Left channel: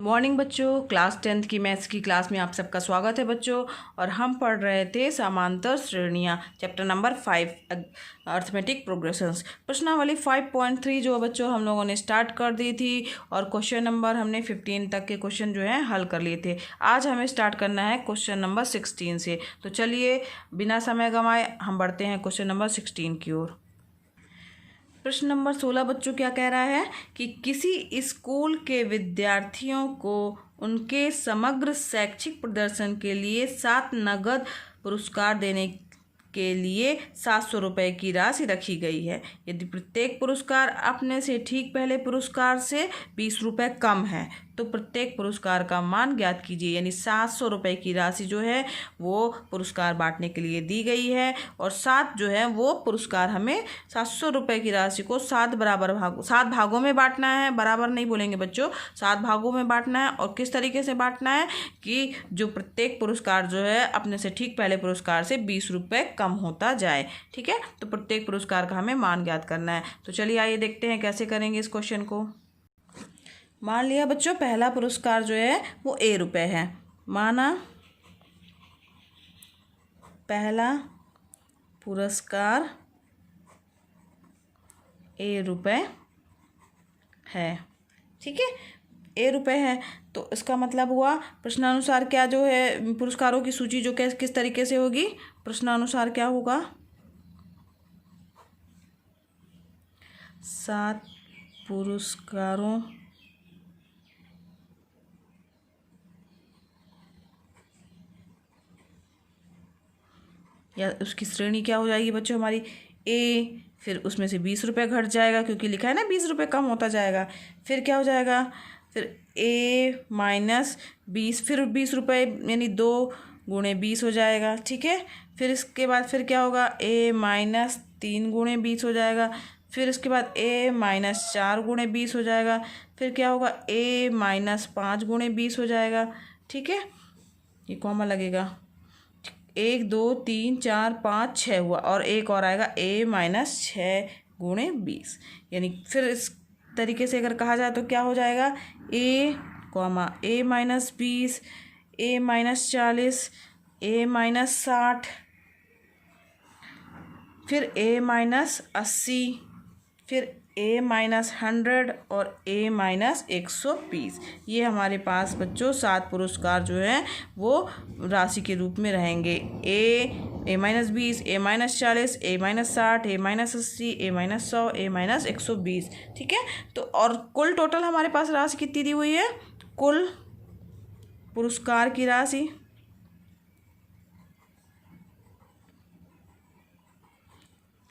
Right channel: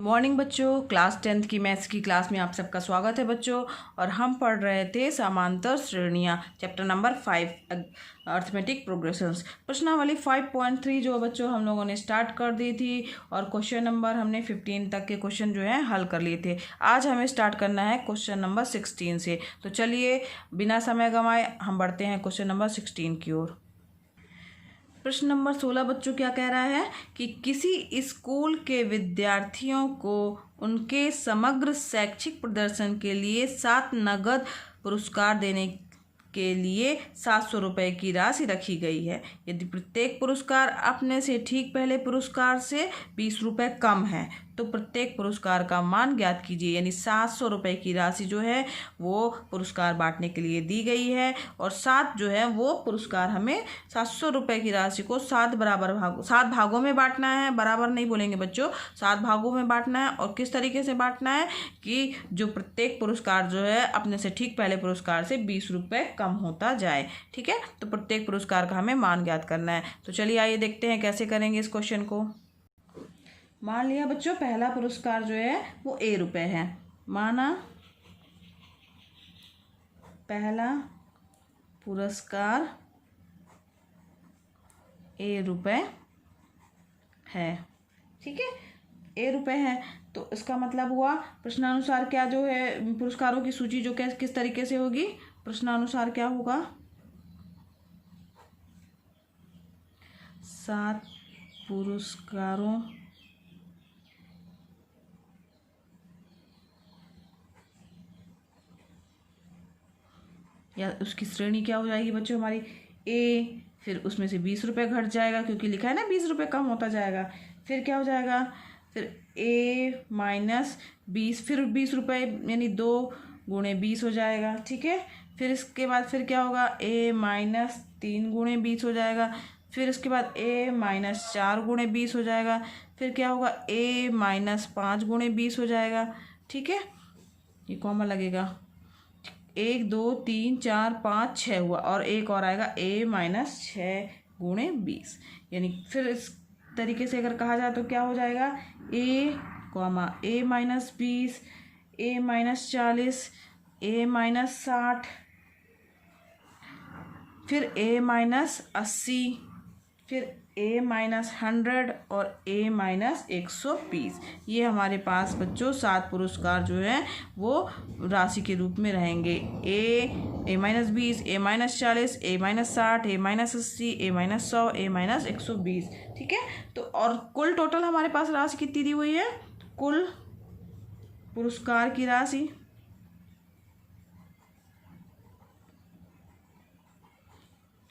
Morning बच्चों, class 10th की maths की क्लास में आप सबका स्वागत है बच्चों। और हम पढ़ रहे थे समांतर श्रेणियाँ, चैप्टर नंबर 5 अर्थमेटिक प्रोग्रेशंस। प्रश्नावली 5.3 जो बच्चों हम लोगों ने स्टार्ट कर दी थी और क्वेश्चन नंबर हमने 15 तक के क्वेश्चन जो है हल कर लिए थे। आज हमें स्टार्ट करना है क्वेश्चन नंबर 16 से। तो चलिए बिना समय गंवाए हम बढ़ते हैं क्वेश्चन नंबर 16 की ओर। प्रश्न नंबर 16 बच्चों क्या कह रहा है कि किसी स्कूल के विद्यार्थियों को उनके समग्र शैक्षिक प्रदर्शन के लिए 7 नगद पुरस्कार देने के लिए 700 रुपये की राशि रखी गई है। यदि प्रत्येक पुरस्कार अपने से ठीक पहले पुरस्कार से 20 रुपये कम है तो प्रत्येक पुरस्कार का मान ज्ञात कीजिए। यानी 700 रुपये की राशि जो है वो पुरस्कार बांटने के लिए दी गई है और 7 जो है वो पुरस्कार हमें 700 रुपये की राशि को 7 भागों में बांटना है। बराबर नहीं बोलेंगे बच्चों, 7 भागों में बांटना है। और किस तरीके से बांटना है कि जो प्रत्येक पुरस्कार जो है अपने से ठीक पहले पुरस्कार से 20 रुपये कम होता जाए। ठीक है, तो प्रत्येक पुरस्कार का हमें मान ज्ञात करना है। तो चलिए आइए देखते हैं कैसे करेंगे इस क्वेश्चन को। मान लिया बच्चों पहला पुरस्कार जो है वो ₹1 है। माना पहला पुरस्कार ₹1 है। ठीक है, ₹1 है तो इसका मतलब हुआ प्रश्नानुसार क्या जो है पुरस्कारों की सूची जो किस तरीके से होगी। प्रश्नानुसार क्या होगा, 7 पुरस्कारों या उसकी श्रेणी क्या हो जाएगी बच्चों हमारी ए, फिर उसमें से 20 रुपये घट जाएगा क्योंकि लिखा है ना 20 रुपये कम होता जाएगा। फिर क्या हो जाएगा, फिर A माइनस 20, फिर 20 रुपये यानी 2 गुणे 20 हो जाएगा। ठीक है, फिर इसके बाद फिर क्या होगा, A माइनस 3 गुणे 20 हो जाएगा। फिर इसके बाद A माइनस 4 गुणे 20 हो जाएगा। फिर क्या होगा, A माइनस 5 गुणे 20 हो जाएगा। ठीक है, ये कॉमा लगेगा, 1 2 3 4 5 6 हुआ और एक और आएगा A माइनस 6 गुणे 20। यानी फिर इस तरीके से अगर कहा जाए तो क्या हो जाएगा, A minus 20, A minus 40, A minus 60, फिर A माइनस 80, फिर A माइनस 100 और A माइनस 120। ये हमारे पास बच्चों 7 पुरस्कार जो हैं वो राशि के रूप में रहेंगे। A minus 20, A minus 40, A minus 60, A minus 80, A minus 100, A minus 120। ठीक है, तो और कुल टोटल हमारे पास राशि कितनी दी हुई है, कुल पुरस्कार की राशि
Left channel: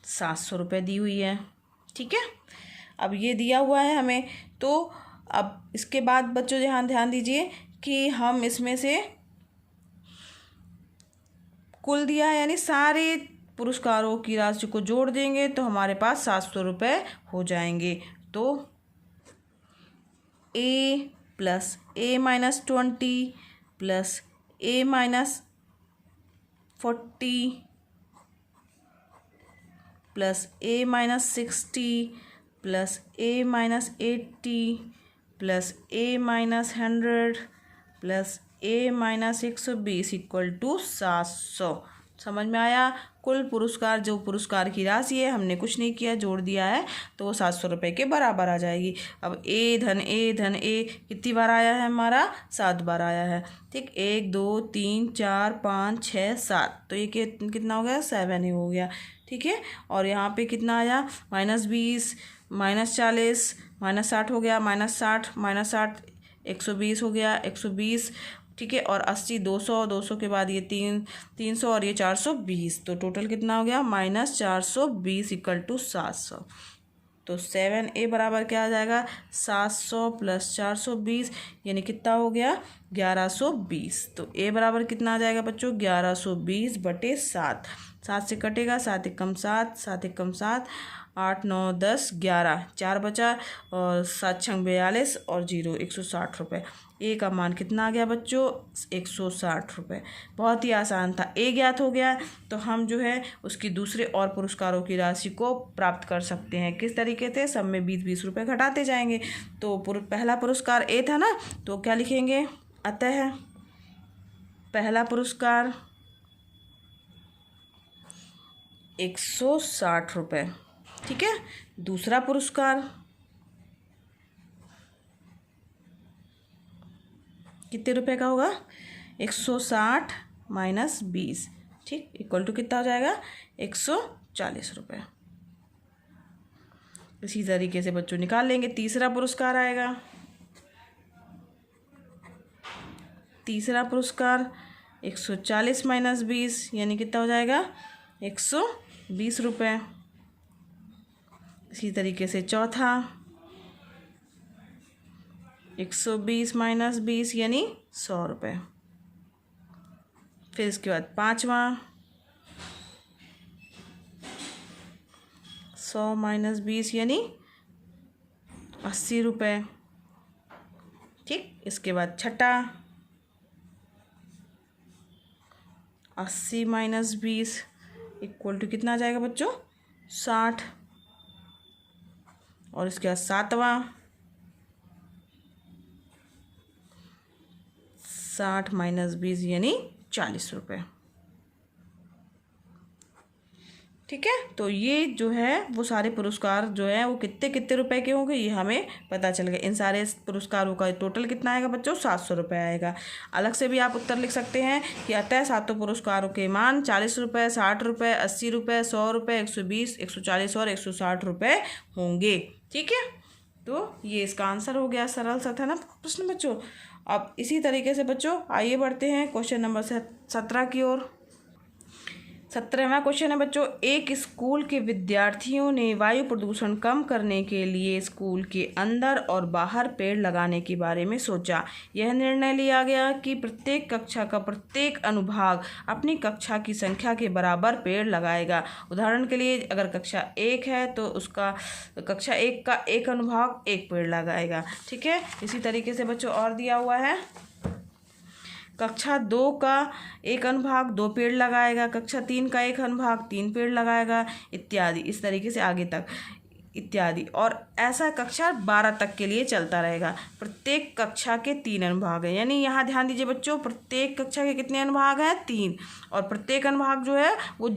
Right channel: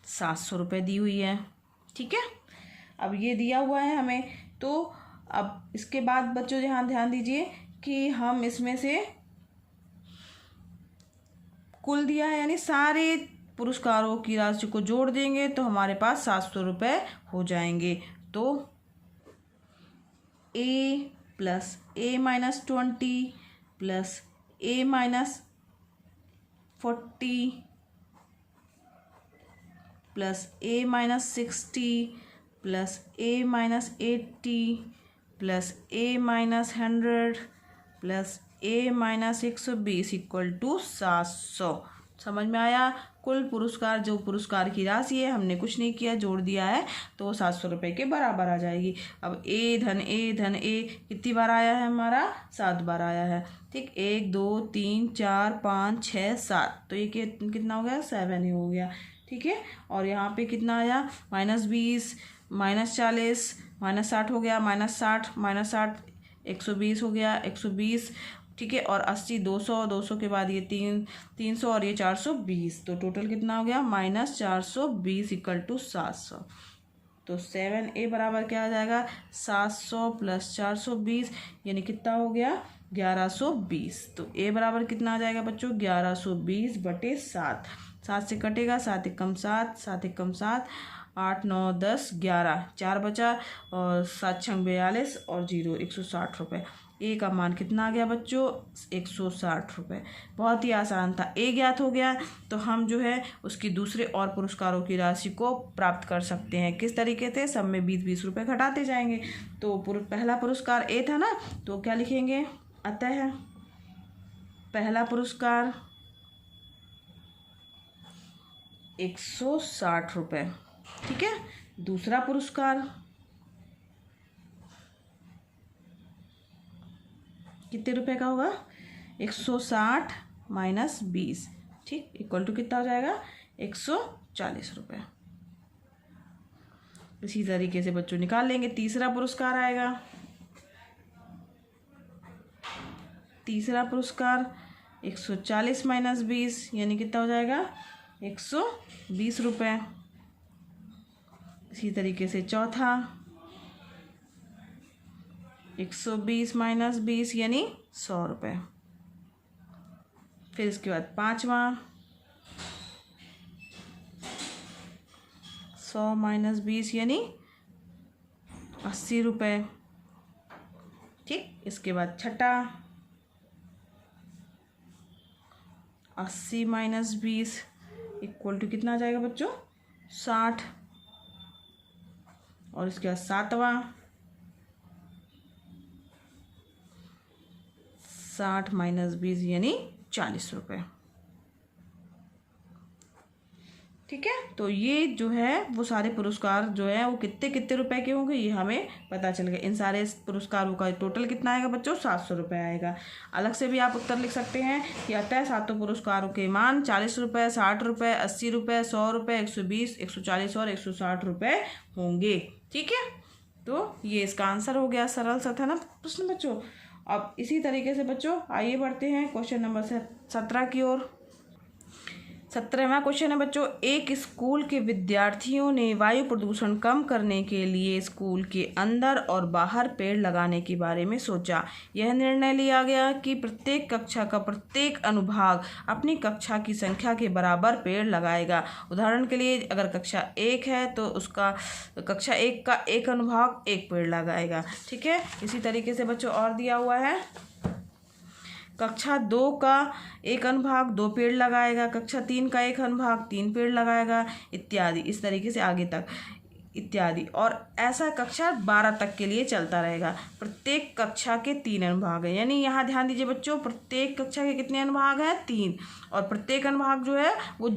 700 रुपये दी हुई है। ठीक है, अब ये दिया हुआ है हमें, तो अब इसके बाद बच्चों यहाँ ध्यान दीजिए कि हम इसमें से कुल दिया है यानी सारे पुरस्कारों की राशि को जोड़ देंगे तो हमारे पास 700 रुपये हो जाएंगे। तो A plus A minus 20 plus A minus 40 plus A minus 60 plus A minus 80 plus A minus 100 plus A minus 120 equal to 700। समझ में आया। कुल पुरस्कार जो पुरस्कार की राशि है हमने कुछ नहीं किया, जोड़ दिया है तो वो 700 रुपये के बराबर आ जाएगी। अब A धन A कितनी बार आया है, हमारा 7 बार आया है। ठीक, 1 2 3 4 5 6 7, तो ये कितना हो गया, 7 ही हो गया। ठीक है, और यहाँ पे कितना आया, -20 -40 -60 हो गया, -60 120 हो गया, 120। ठीक है, और 80 200 के बाद ये 300 और ये 420, तो टोटल कितना हो गया, -420 इक्वल टू 700। तो 7A बराबर क्या आ जाएगा, 700 प्लस 420 यानी कितना हो गया, 1120। तो A बराबर कितना आ जाएगा बच्चों, 1120/7। 7 से कटेगा, 7 एकम 7, 7 एकम 7 8 9 10 11, 4 बचा और 7 छंग 42 और 0 160 रुपये। ए का मान कितना आ गया बच्चों? 160 रुपये। बहुत ही आसान था। ए ज्ञात हो गया तो हम जो है उसकी दूसरे और पुरस्कारों की राशि को प्राप्त कर सकते हैं। किस तरीके से? सब में 20-20 रुपये घटाते जाएंगे। तो पहला पुरस्कार ए था ना, तो क्या लिखेंगे? अतः पहला पुरस्कार 160 रुपये। ठीक है। दूसरा पुरस्कार कितने रुपए का होगा? 160 माइनस 20, ठीक, इक्वल टू कितना हो जाएगा? 140 रुपये। इसी तरीके से बच्चों निकाल लेंगे। तीसरा पुरस्कार आएगा। तीसरा पुरस्कार 140 माइनस 20 यानी कितना हो जाएगा? 120 रुपये। इसी तरीके से चौथा 120 माइनस 20 यानी 100 रुपये। फिर इसके बाद पाँचवा 100 माइनस 20 यानी 80 रुपये। ठीक। इसके बाद छठा 80 माइनस 20 इक्वल टू कितना आ जाएगा बच्चों? 60। और इसके बाद सातवां 60 माइनस 20 यानी 40 रुपये। ठीक है। तो ये जो है वो सारे पुरस्कार जो है वो कितने कितने रुपए के होंगे ये हमें पता चल गया। इन सारे पुरस्कारों का टोटल कितना आएगा बच्चों? 700 रुपये आएगा। अलग से भी आप उत्तर लिख सकते हैं कि अतः सातों पुरस्कारों के मान 40 रुपये, 60 रुपये, 80 रुपये, 100 रुपये, 120, 140 और 160 रुपये होंगे। ठीक है। तो ये इसका आंसर हो गया। सरल सा था ना प्रश्न बच्चों। अब इसी तरीके से बच्चों आइए बढ़ते हैं क्वेश्चन नंबर 17 की ओर। 17वां क्वेश्चन है बच्चों, एक स्कूल के विद्यार्थियों ने वायु प्रदूषण कम करने के लिए स्कूल के अंदर और बाहर पेड़ लगाने के बारे में सोचा। यह निर्णय लिया गया कि प्रत्येक कक्षा का प्रत्येक अनुभाग अपनी कक्षा की संख्या के बराबर पेड़ लगाएगा। उदाहरण के लिए अगर कक्षा 1 है तो उसका कक्षा 1 का एक अनुभाग 1 पेड़ लगाएगा। ठीक है। इसी तरीके से बच्चों और दिया हुआ है, कक्षा 2 का एक अनुभाग 2 पेड़ लगाएगा, कक्षा 3 का एक अनुभाग 3 पेड़ लगाएगा, इत्यादि। इस तरीके से आगे तक इत्यादि। और ऐसा कक्षा 12 तक के लिए चलता रहेगा। प्रत्येक कक्षा के 3 अनुभाग हैं, यानी यहाँ ध्यान दीजिए बच्चों, प्रत्येक कक्षा के कितने अनुभाग हैं? 3। और प्रत्येक अनुभाग जो है वो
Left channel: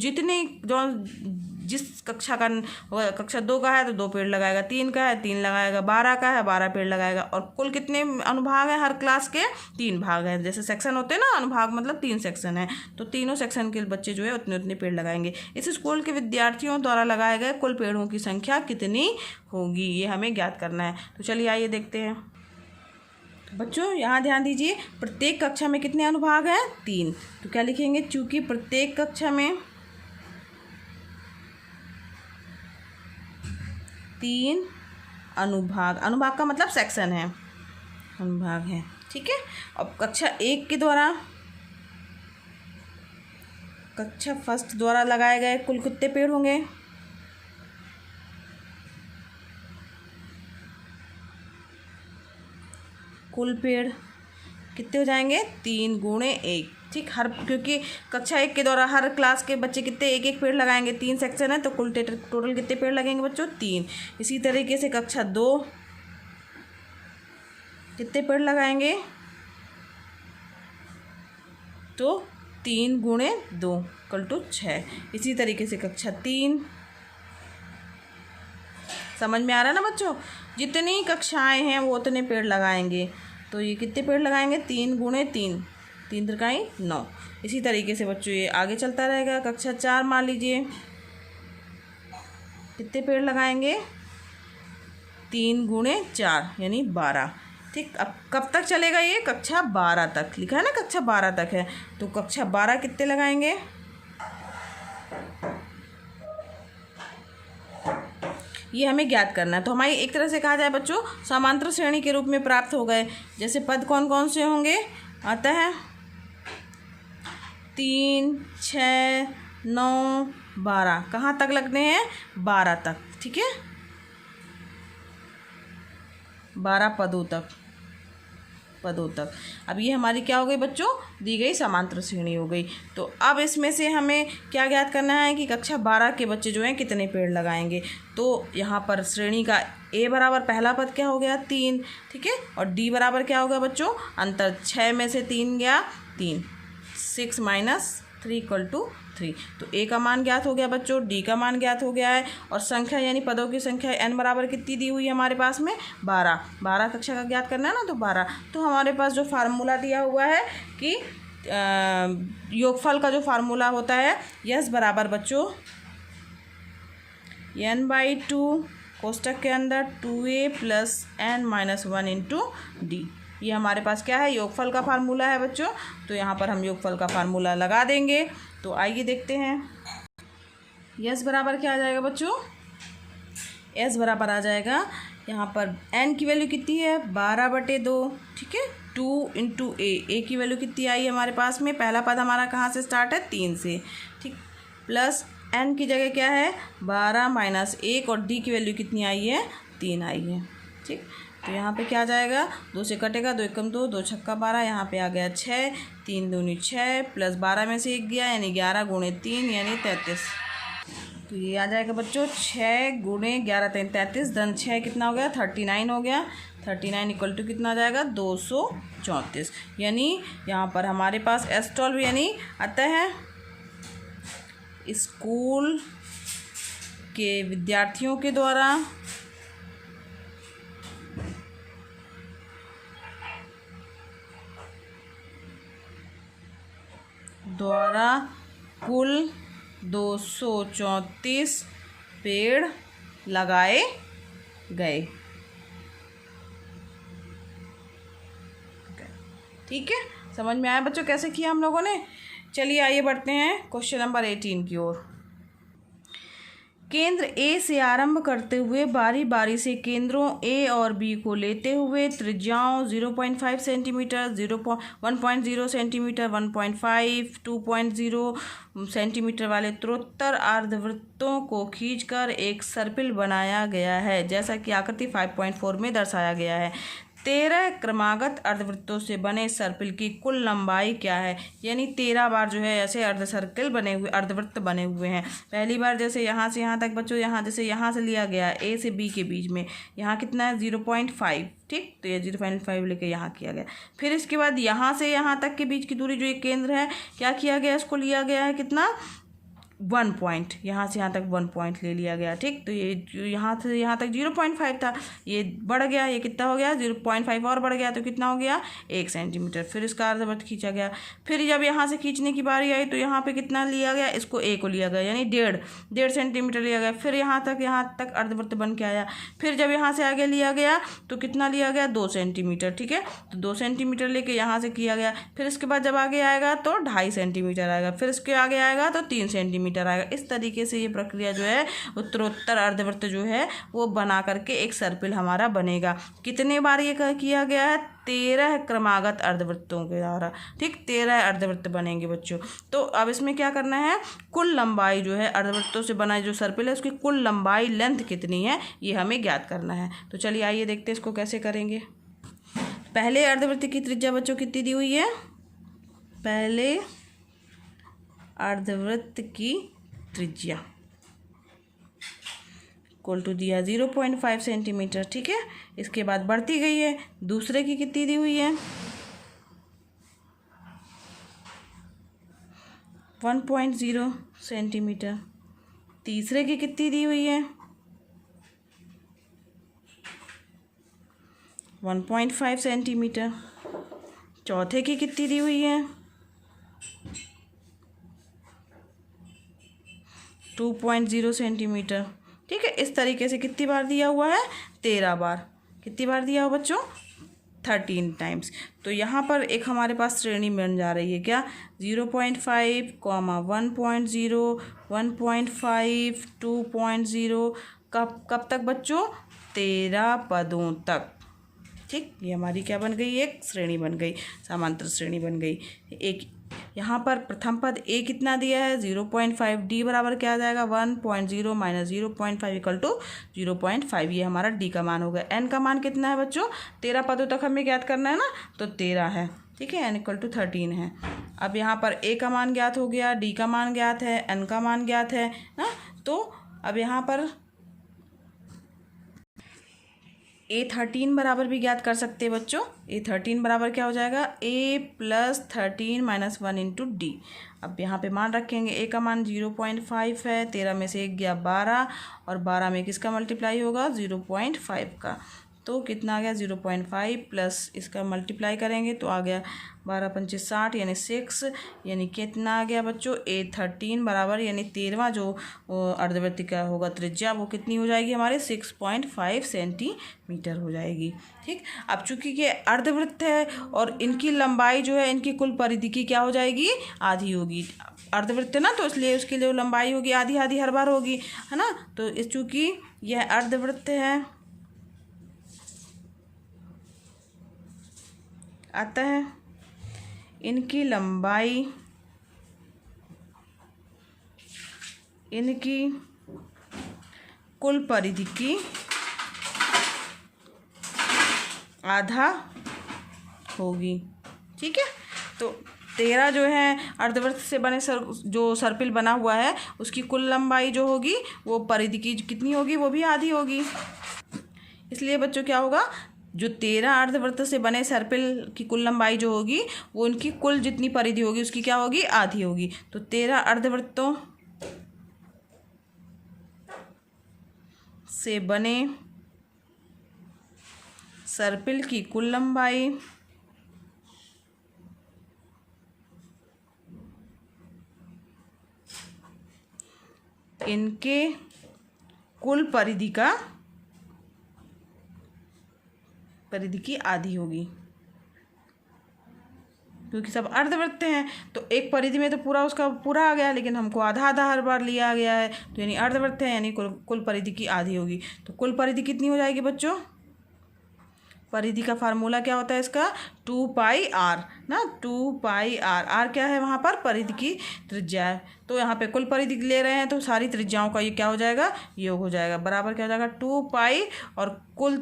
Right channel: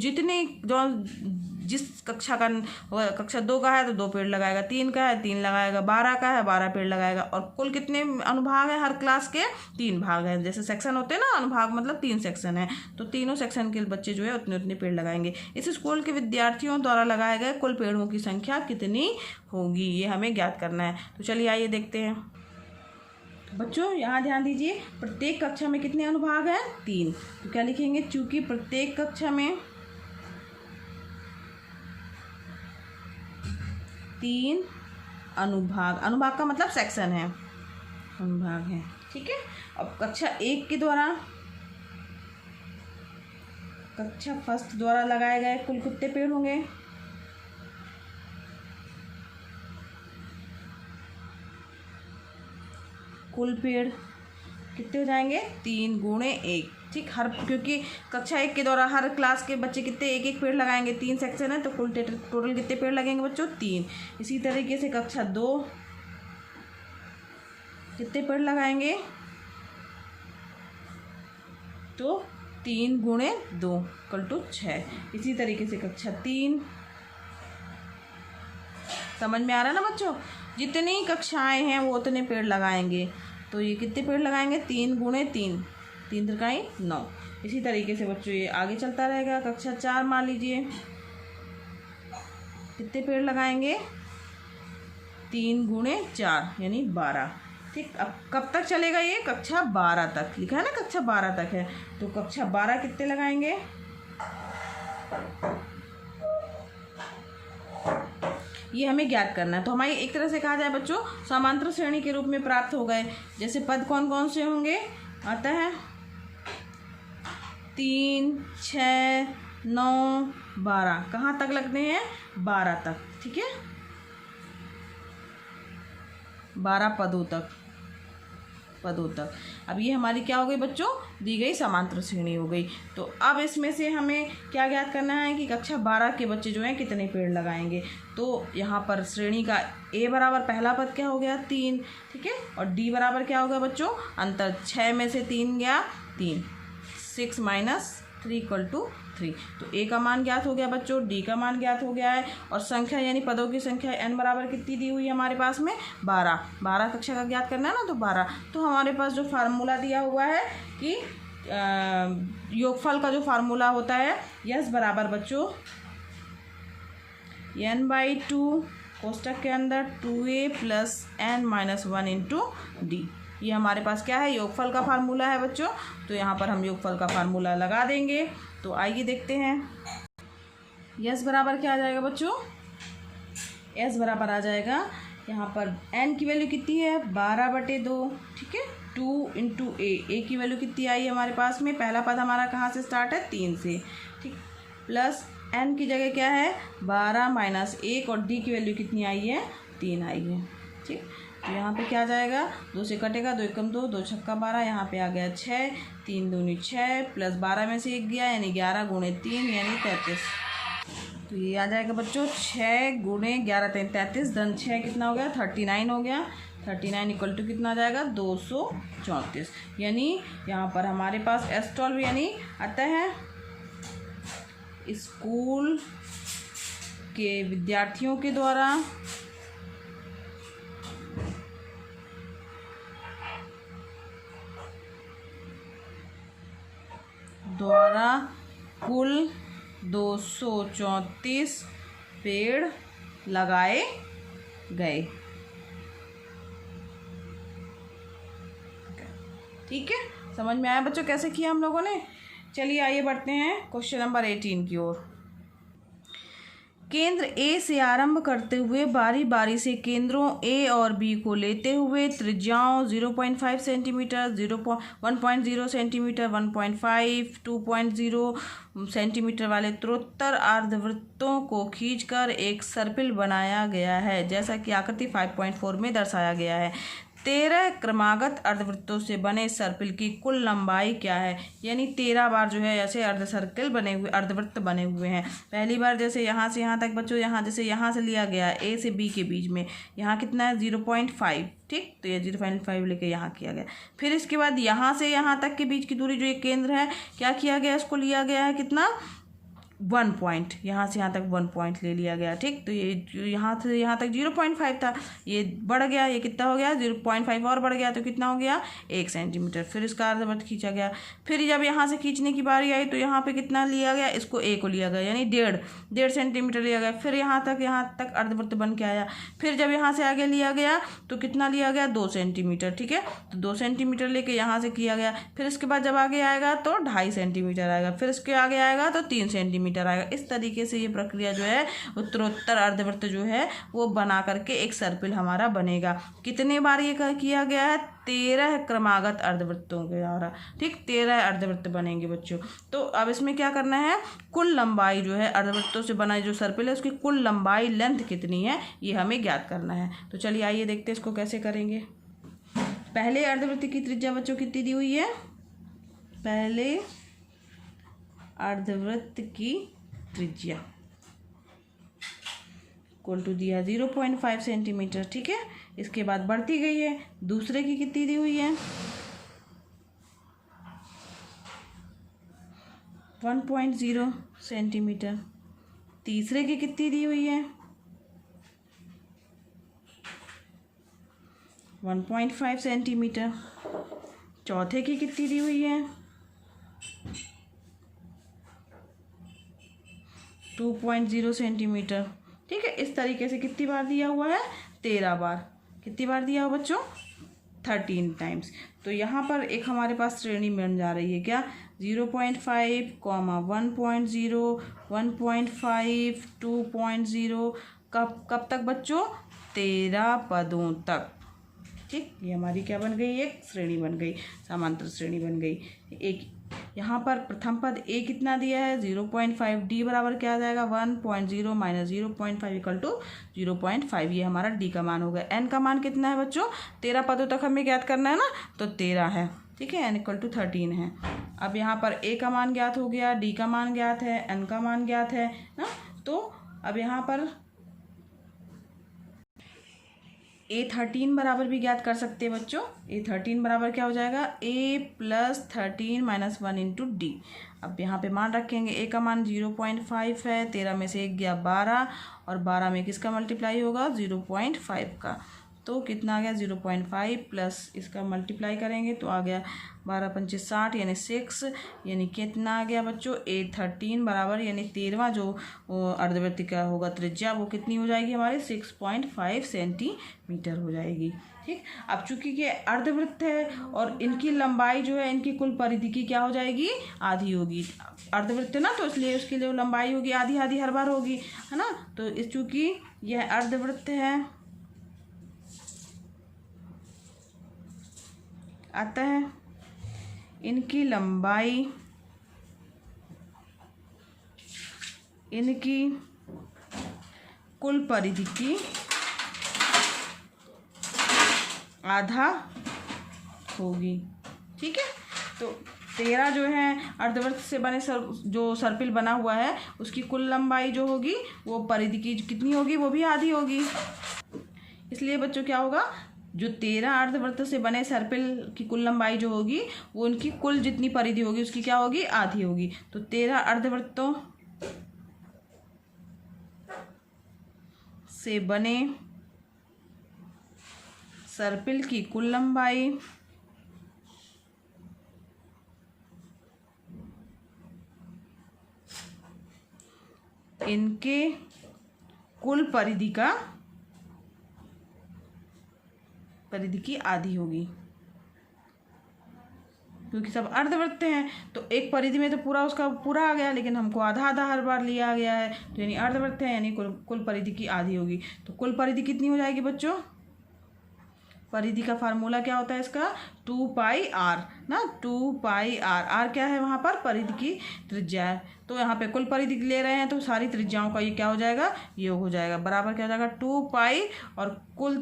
जिस कक्षा का कक्षा 2 का है तो 2 पेड़ लगाएगा, 3 का है 3 लगाएगा, 12 का है 12 पेड़ लगाएगा। और कुल कितने अनुभाग हैं? हर क्लास के 3 भाग हैं। जैसे सेक्शन होते हैं ना, अनुभाग मतलब 3 सेक्शन है, तो तीनों सेक्शन के बच्चे जो है उतने पेड़ लगाएंगे। इस स्कूल के विद्यार्थियों द्वारा लगाए गए कुल पेड़ों की संख्या कितनी होगी, ये हमें ज्ञात करना है। तो चलिए आइए देखते हैं बच्चों। यहाँ ध्यान दीजिए, प्रत्येक कक्षा में कितने अनुभाग हैं? 3। तो क्या लिखेंगे? चूंकि प्रत्येक कक्षा में 3 अनुभाग, अनुभाग का मतलब सेक्शन है, अनुभाग है। ठीक है। अब कक्षा 1 के द्वारा, कक्षा फर्स्ट द्वारा लगाए गए कुल कितने पेड़ होंगे? कुल पेड़ कितने हो जाएंगे? 3 गुणे 1। ठीक। क्योंकि कक्षा 1 के द्वारा हर क्लास के बच्चे कितने एक एक पेड़ लगाएंगे, 3 सेक्शन है तो कुल टोटल कितने पेड़ लगेंगे बच्चों? 3। इसी तरीके से कक्षा 2 कितने पेड़ लगाएंगे? तो 3 गुणे 2 इक्वल टू 6। इसी तरीके से कक्षा 3, समझ में आ रहा है ना बच्चों? जितनी कक्षाएं हैं वो उतने पेड़ लगाएंगे। तो ये कितने पेड़ लगाएंगे? 3 गुणे 3, 3 त्रिकाई 9। इसी तरीके से बच्चों ये आगे चलता रहेगा। कक्षा 4 मान लीजिए, कितने पेड़ लगाएंगे? 3 गुणे 4 यानी 12। ठीक। अब कब तक चलेगा ये? कक्षा 12 तक लिखा है ना, कक्षा 12 तक है। तो कक्षा 12 कितने लगाएंगे? ये हमें ज्ञात करना है। तो हमारी एक तरह से कहा जाए बच्चों समांतर श्रेणी के रूप में प्राप्त हो गए। जैसे पद कौन कौन से होंगे? आता है 3, 6, 9, 12, कहाँ तक लगने हैं? 12 तक, ठीक है, 12 पदों तक। अब ये हमारी क्या हो गई बच्चों? दी गई समांतर श्रेणी हो गई। तो अब इसमें से हमें क्या ज्ञात करना है कि कक्षा 12 के बच्चे जो हैं कितने पेड़ लगाएंगे। तो यहाँ पर श्रेणी का ए बराबर पहला पद क्या हो गया? 3, ठीक है, और डी बराबर क्या हो गया बच्चों? अंतर 6 में से 3 गया 3, 6 - 3 = 3। तो ए का मान ज्ञात हो गया बच्चों, डी का मान ज्ञात हो गया है, और संख्या यानी पदों की संख्या n बराबर कितनी दी हुई है हमारे पास में? 12 कक्षा का ज्ञात करना है ना, तो 12। तो हमारे पास जो फार्मूला दिया हुआ है कि योगफल का जो फार्मूला होता है, यस बराबर बच्चों n/2 कोष्टक के अंदर 2a + n-1 × d। ये हमारे पास क्या है? योगफल का फार्मूला है बच्चों। तो यहाँ पर हम योगफल का फार्मूला लगा देंगे। तो आइए देखते हैं। यस बराबर क्या आ जाएगा बच्चों? एस बराबर आ जाएगा, यहाँ पर n की वैल्यू कितनी है? 12/2, ठीक है, 2 × a की वैल्यू कितनी आई हमारे पास में? पहला पद हमारा कहाँ से स्टार्ट है? 3 से, ठीक, प्लस n की जगह क्या है? 12 - 1, और d की वैल्यू कितनी आई है? 3 आई है, ठीक। तो यहाँ पे क्या आ जाएगा? 2 से कटेगा, 2 × 2, 2 × 12, यहाँ पे आ गया 6, 3 दूनी 6, प्लस 12 में से 1 गया यानी 11 × 3 यानी 33। तो ये आ जाएगा बच्चों 6 × 11 3 33, धन 6 कितना हो गया? 39 हो गया। 39 = कितना आ जाएगा? 234। यानी यहाँ पर हमारे पास S12 यानी अतः स्कूल के विद्यार्थियों के द्वारा कुल 234 पेड़ लगाए गए, ठीक है। समझ में आया बच्चों कैसे किया हम लोगों ने? चलिए आइए बढ़ते हैं क्वेश्चन नंबर 18 की ओर। केंद्र ए से आरंभ करते हुए बारी बारी से केंद्रों ए और बी को लेते हुए त्रिज्याओं 0.5 सेंटीमीटर, 1.0 सेंटीमीटर, 1.5, 2.0 सेंटीमीटर वाले उत्तरोत्तर अर्धवृत्तों को खींचकर एक सर्पिल बनाया गया है, जैसा कि आकृति 5.4 में दर्शाया गया है। 13 क्रमागत अर्धवृत्तों से बने सर्पिल की कुल लंबाई क्या है? यानी 13 बार जो है ऐसे अर्धवृत्त बने हुए हैं। पहली बार जैसे यहाँ से यहाँ तक बच्चों, यहाँ जैसे यहाँ से लिया गया ए से बी के बीच में, यहाँ कितना है? 0.5, ठीक, तो ये 0.5 लेके यहाँ किया गया। फिर इसके बाद यहाँ से यहाँ तक के बीच की दूरी जो एक केंद्र है, क्या किया गया? इसको लिया गया है कितना? 1 पॉइंट, यहाँ से यहाँ तक 1 पॉइंट ले लिया गया, ठीक। तो ये यहाँ से यहाँ तक 0.5 था, ये बढ़ गया, ये कितना हो गया? 0.5 और बढ़ गया, तो कितना हो गया? 1 सेंटीमीटर। फिर इसका अर्धवृत्त खींचा गया। फिर जब यहाँ से खींचने की बारी आई तो यहाँ पे कितना लिया गया? इसको ए को लिया गया, यानी 1.5 सेंटीमीटर लिया गया। फिर यहाँ तक अर्धवृत्त बन के आया। फिर जब यहाँ से आगे लिया गया तो कितना लिया गया? 2 सेंटीमीटर, ठीक है। तो 2 सेंटीमीटर लेके यहाँ से किया गया। फिर इसके बाद जब आगे आएगा तो 2.5 सेंटीमीटर आएगा। फिर इसके आगे आएगा तो 3 सेंटीमीटर आएगा। इस तरीके से ये प्रक्रिया जो है उत्तरोत्तर अर्धवृत्त जो है वो बना करके एक सर्पिल हमारा बनेगा। कितने बार ये किया गया है? 13 क्रमागत अर्धवृत्तों के द्वारा, ठीक, 13 अर्धवृत्त बनेंगे बच्चों। तो अब इसमें क्या करना है? कुल लंबाई जो है अर्धवृत्तों से बना जो सर्पिल है उसकी कुल लंबाई लेंथ कितनी है ये हमें ज्ञात करना है। तो चलिए आइए देखते हैं इसको कैसे करेंगे। पहले अर्धवृत्त की त्रिज्या बच्चों कितनी दी हुई है? पहले अर्धवृत्त की त्रिज्या इक्वल टू दिया 0.5 सेंटीमीटर, ठीक है। इसके बाद बढ़ती गई है। दूसरे की कितनी दी हुई है? 1.0 सेंटीमीटर। तीसरे की कितनी दी हुई है? 1.5 सेंटीमीटर। चौथे की कितनी दी हुई है? 2.0 सेंटीमीटर, ठीक है। इस तरीके से कितनी बार दिया हुआ है? 13 बार। कितनी बार दिया हुआ बच्चों? 13 टाइम्स। तो यहाँ पर एक हमारे पास श्रेणी बन जा रही है क्या? 0.5, 1.0, 1.5, 2.0, कब तक बच्चों? 13 पदों तक, ठीक। ये हमारी क्या बन गई? एक श्रेणी बन गई, समांतर श्रेणी बन गई। एक यहाँ पर प्रथम पद a कितना दिया है 0.5, d बराबर क्या आ जाएगा 1.0 माइनस 0.5 इक्वल टू 0.5, ये हमारा d का मान हो गया। n का मान कितना है बच्चों, 13 पदों तक हमें ज्ञात करना है ना, तो 13 है, ठीक है, n इक्वल टू 13 है। अब यहाँ पर a का मान ज्ञात हो गया, d का मान ज्ञात है, n का मान ज्ञात है ना। तो अब यहाँ पर a13 बराबर भी ज्ञात कर सकते हैं बच्चों। a13 बराबर क्या हो जाएगा a plus 13 minus 1 into D. अब यहाँ पे मान रखेंगे, a का मान 0.5 है, 13 में से 1 गया 12, और 12 में किसका मल्टीप्लाई होगा 0.5 का, तो कितना आ गया 0.5 प्लस इसका मल्टीप्लाई करेंगे तो आ गया 12 पंचे 60 यानी 6, यानी कितना आ गया बच्चों a13 बराबर, यानी 13वां जो अर्धवृत्त का होगा त्रिज्या वो कितनी हो जाएगी हमारे 6.5 सेंटीमीटर हो जाएगी। ठीक, अब चूंकि ये अर्धवृत्त है और इनकी लंबाई जो है इनकी कुल परिधि की क्या हो जाएगी आधी होगी। अर्धवृत्त है ना, तो इसलिए उसकी जो लंबाई होगी आधी आधी हर बार होगी, है ना। तो इस चूंकि यह अर्धवृत्त है अतः इनकी लंबाई इनकी कुल परिधि की आधा होगी। ठीक है, तो 13 जो है अर्धवृत्त से बने जो सर्पिल बना हुआ है उसकी कुल लंबाई जो होगी वो परिधि की कितनी होगी, वो भी आधी होगी। इसलिए बच्चों क्या होगा, जो 13 अर्धवृत्त से बने सर्पिल की कुल लंबाई जो होगी वो उनकी कुल जितनी परिधि होगी उसकी क्या होगी आधी होगी। तो 13 अर्धवृत्तों से बने सर्पिल की कुल लंबाई इनके कुल परिधि की आधी होगी, क्योंकि सब अर्धवृत्त हैं तो एक परिधि में तो पूरा उसका पूरा आ गया, लेकिन हमको आधा आधा हर बार लिया गया है, तो यानी अर्धवृत्त है यानी कुल परिधि की आधी होगी। तो कुल परिधि कितनी हो जाएगी बच्चों, परिधि का फार्मूला क्या होता है इसका 2πr ना, 2πr, r क्या है वहाँ पर परिधि की त्रिज्या है, तो यहाँ पे कुल परिधि ले रहे हैं तो सारी त्रिज्याओं का ये क्या हो जाएगा योग हो जाएगा, बराबर क्या हो जाएगा 2π और कुल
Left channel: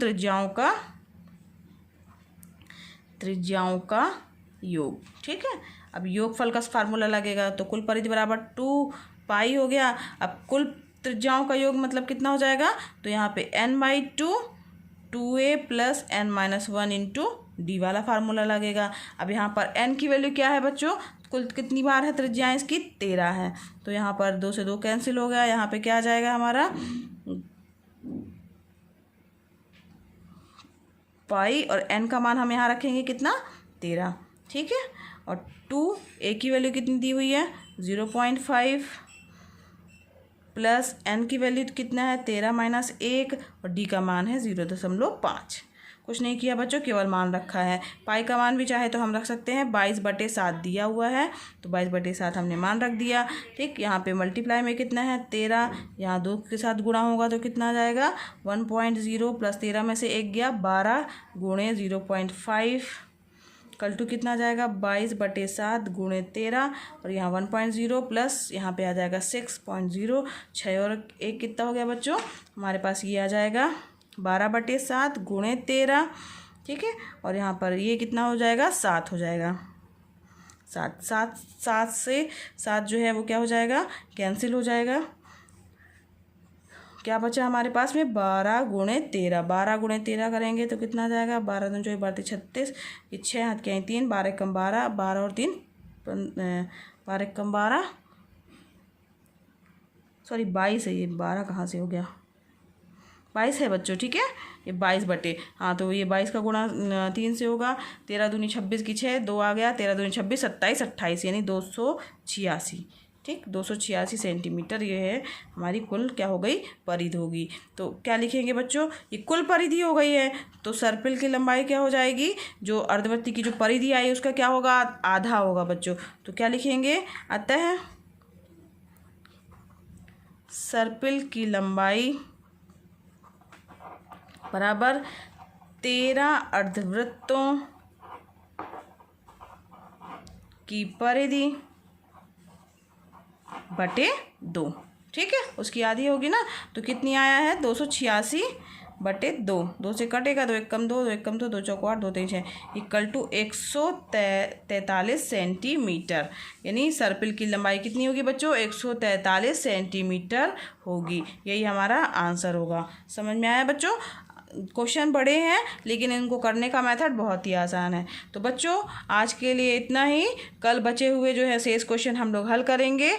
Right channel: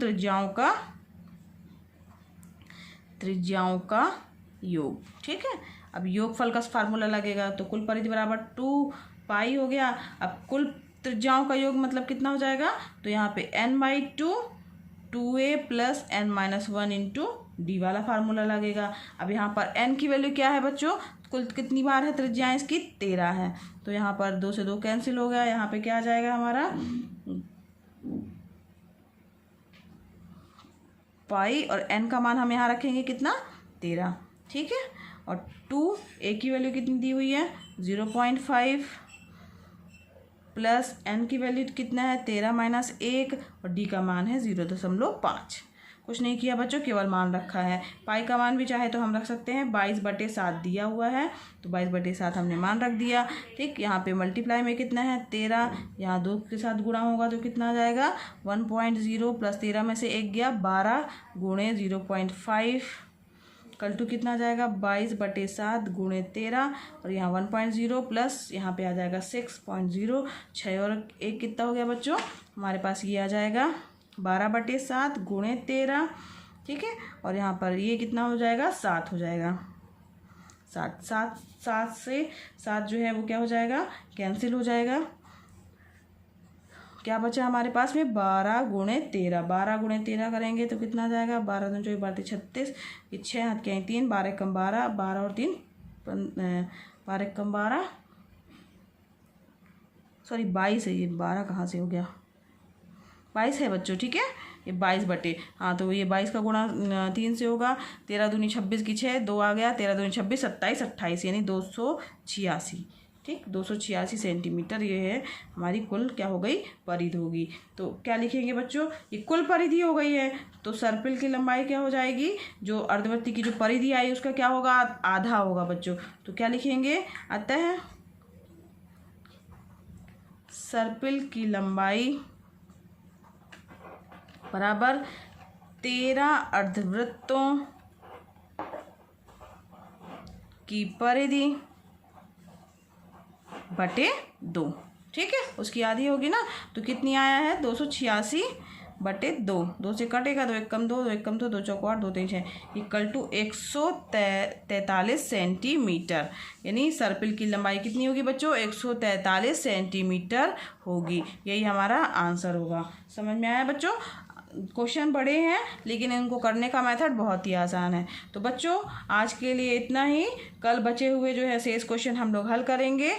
त्रिज्याओं का योग। ठीक है, अब योगफल का फार्मूला लगेगा तो कुल परिधि बराबर 2π हो गया। अब कुल त्रिज्याओं का योग मतलब कितना हो जाएगा, तो यहाँ पे n/2 2a plus n-1 into D वाला फार्मूला लगेगा। अब यहाँ पर n की वैल्यू क्या है बच्चों, कुल कितनी बार है त्रिज्या इसकी 13 है, तो यहाँ पर 2 से 2 कैंसिल हो गया, यहाँ पे क्या आ जाएगा हमारा पाई, और n का मान हम यहाँ रखेंगे कितना 13। ठीक है, और 2a की वैल्यू कितनी दी हुई है 0.5 प्लस n की वैल्यू कितना है 13 माइनस 1, और d का मान है 0.5। कुछ नहीं किया बच्चों, केवल मान रखा है। पाई का मान भी चाहे तो हम रख सकते हैं, 22/7 दिया हुआ है तो 22/7 हमने मान रख दिया। ठीक, यहाँ पे मल्टीप्लाई में कितना है 13, यहाँ 2 के साथ गुणा होगा तो कितना आ जाएगा 1.0 प्लस 13 में से 1 गया 12 गुणे 0.5 कल टू कितना आ जाएगा 22/7 गुणे 13, और यहाँ 1.0 प्लस यहाँ पे आ जाएगा 6.0, 6 और 1 कितना हो गया बच्चों हमारे पास ये आ जाएगा 12/7 गुणे 13। ठीक है, और यहाँ पर ये कितना हो जाएगा 7 हो जाएगा, 7 से 7 जो है वो क्या हो जाएगा कैंसिल हो जाएगा। क्या बचा हमारे पास में 12 गुणे 13, 12 गुणे 13 करेंगे तो कितना आ जाएगा 12 दूनी 24 36, ये 6 हाथ के 3, 12 कम 12, 12 और 3 12 कम 12 सॉरी 22 है, ये 12 कहाँ से हो गया 22 है बच्चों। ठीक है, ये 22 हाँ, तो ये 22 का गुणा 3 से होगा, 13 दूनी 26 की 6 2 आ गया, 13 दूनी 26 27 28 यानी 286। ठीक, 286 सेंटीमीटर ये है हमारी कुल क्या हो गई परिधि होगी। तो क्या लिखेंगे बच्चों, ये कुल परिधि हो गई है तो सर्पिल की लंबाई क्या हो जाएगी, जो अर्धवृत्त की जो परिधि आई उसका क्या होगा आधा होगा बच्चों। तो क्या लिखेंगे, अतः सर्पिल की लंबाई बराबर 13 अर्धवृत्तों की परिधि बटे 2, ठीक है। उसकी आधी होगी ना, तो कितनी आया है 286 बटे 2, 2 से कटेगा 2 एक कम 2, 2 एक कम 2, 2 चौको 8, 2 तेईस है, इक्वल टू 143 सेंटीमीटर। यानी सर्पिल की लंबाई कितनी होगी बच्चों, 143 सेंटीमीटर होगी। यही हमारा आंसर होगा। समझ में आया बच्चों? क्वेश्चन बड़े हैं लेकिन इनको करने का मेथड बहुत ही आसान है। तो बच्चों आज के लिए इतना ही। कल बचे हुए जो है शेष क्वेश्चन हम लोग हल करेंगे।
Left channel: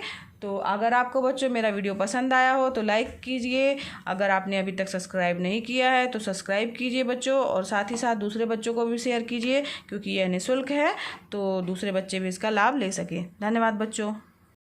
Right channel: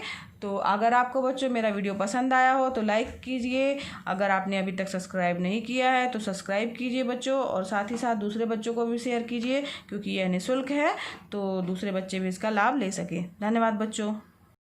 तो अगर आपको बच्चों मेरा वीडियो पसंद आया हो तो लाइक कीजिए। अगर आपने अभी तक सब्सक्राइब नहीं किया है तो सब्सक्राइब कीजिए बच्चों, और साथ ही साथ दूसरे बच्चों को भी शेयर कीजिए, क्योंकि यह निःशुल्क है तो दूसरे बच्चे भी इसका लाभ ले सकें। धन्यवाद बच्चों।